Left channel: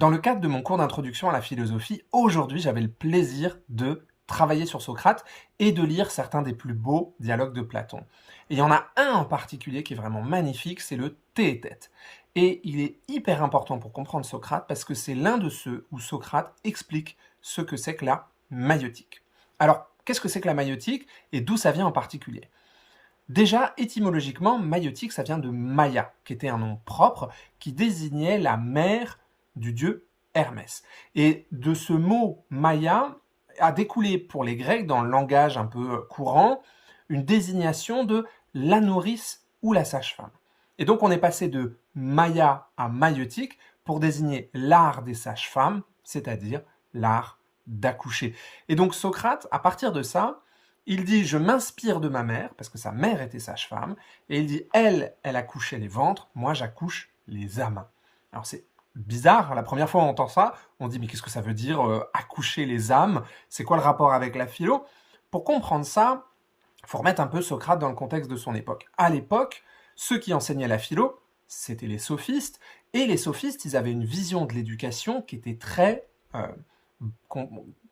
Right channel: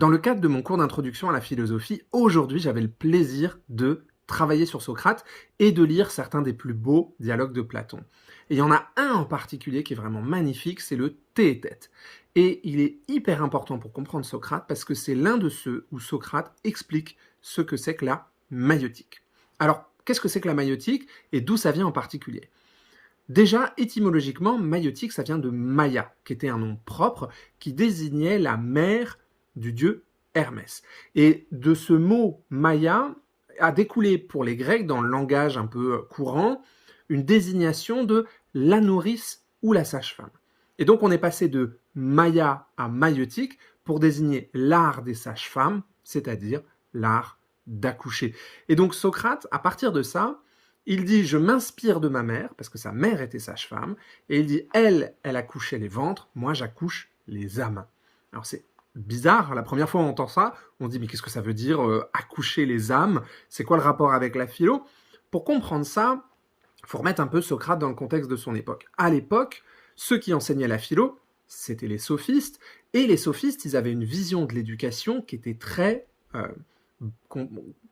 Dans le cadre de mon cours d'introduction à la philosophie, aujourd'hui, j'avais le plaisir de travailler sur Socrate et de lire certains des plus beaux dialogues de Platon. Et il y en a un en particulier qui est vraiment magnifique, c'est le Théétète. Et il est hyper important pour comprendre Socrate parce que c'est l'un de ceux où Socrate explique ce que c'est que la maïeutique. Alors, qu'est-ce que c'est que la maïeutique et d'où ça vient en particulier ? Déjà, étymologiquement, maïeutique, ça vient de Maïa, qui était un nom propre, qui désignait la mère du dieu Hermès. Et de ce mot Maïa a découlé pour les Grecs, dans le langage un peu courant, une désignation de la nourrice ou la sage-femme. Et donc on est passé de Maïa à maïeutique pour désigner l'art des sages-femmes, c'est-à-dire l'art d'accoucher. Et donc Socrate, à partir de ça, il dit « je m'inspire de ma mère », parce que sa mère était sage-femme, et il dit « elle accouchait les ventres, moi j'accouche les âmes ». Alors c'est bizarre, la première fois on entend ça, on dit « mais qu'est-ce que ça veut dire accoucher les âmes ?» C'est quoi le rapport avec la philo ? Pour comprendre ça, il faut remettre un peu Socrate dans le contexte de son époque. À l'époque, ceux qui enseignaient la philo, c'était les sophistes, et les sophistes, ils avaient une vision de l'éducation qui était très...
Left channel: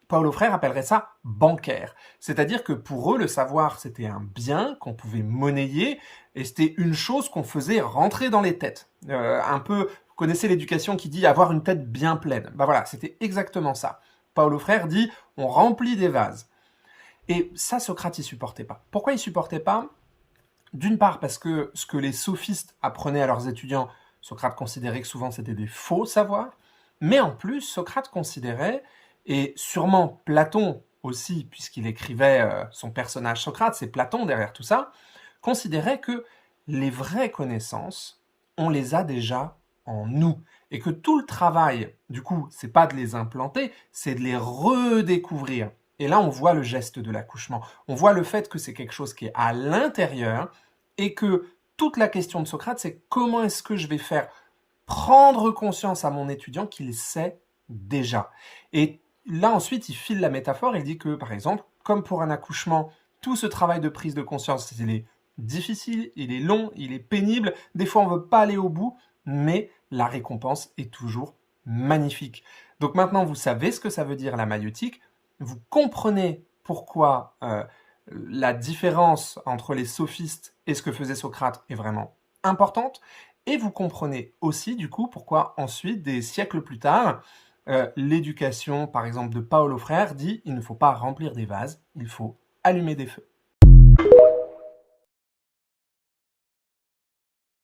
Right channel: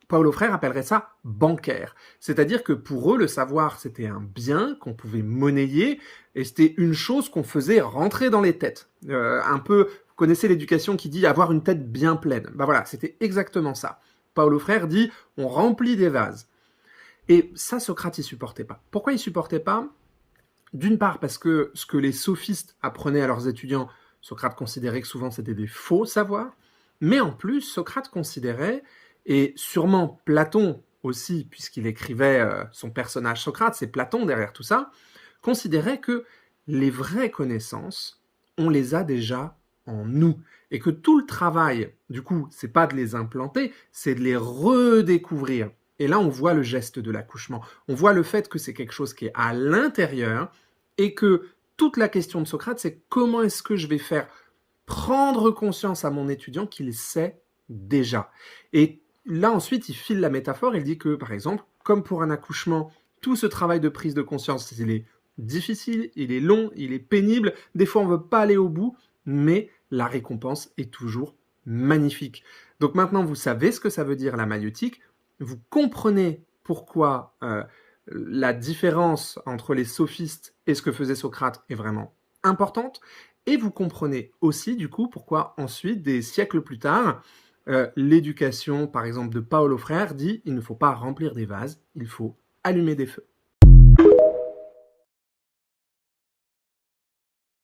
Paulo Freire appellerait ça bancaire. C'est-à-dire que pour eux, le savoir, c'était un bien qu'on pouvait monnayer et c'était une chose qu'on faisait rentrer dans les têtes. Un peu, vous connaissez l'éducation qui dit avoir une tête bien pleine. Ben voilà, c'était exactement ça. Paulo Freire dit on remplit des vases. Et ça, Socrate, il supportait pas. Pourquoi il supportait pas ? D'une part, parce que ce que les sophistes apprenaient à leurs étudiants, Socrate considérait que souvent c'était des faux savoirs. Mais en plus, Socrate considérait, et sûrement Platon aussi, puisqu'il écrivait son personnage Socrate, c'est Platon derrière tout ça, considérait que les vraies connaissances, on les a déjà en nous. Et que tout le travail, du coup, c'est pas de les implanter, c'est de les redécouvrir. Et là, on voit le geste de l'accouchement. On voit le fait que c'est quelque chose qui est à l'intérieur et que toute la question de Socrate, c'est comment est-ce que je vais faire prendre conscience à mon étudiant qu'il sait déjà. Et là, ensuite, il file la métaphore. Il dit que, par exemple, comme pour un accouchement, tout ce travail de prise de conscience, il est difficile, il est long, il est pénible. Des fois, on ne veut pas aller au bout, mais la récompense est toujours magnifique. Donc maintenant, vous savez ce que ça veut dire la maïeutique. Vous comprenez pourquoi la différence entre les sophistes et ce que faisait Socrate est vraiment importante. Et vous comprenez aussi, du coup, pourquoi ensuite, des siècles plus tard, l'éducation, par exemple, de Paulo Freire dit « il ne faut pas remplir des vases, il faut allumer des feux ».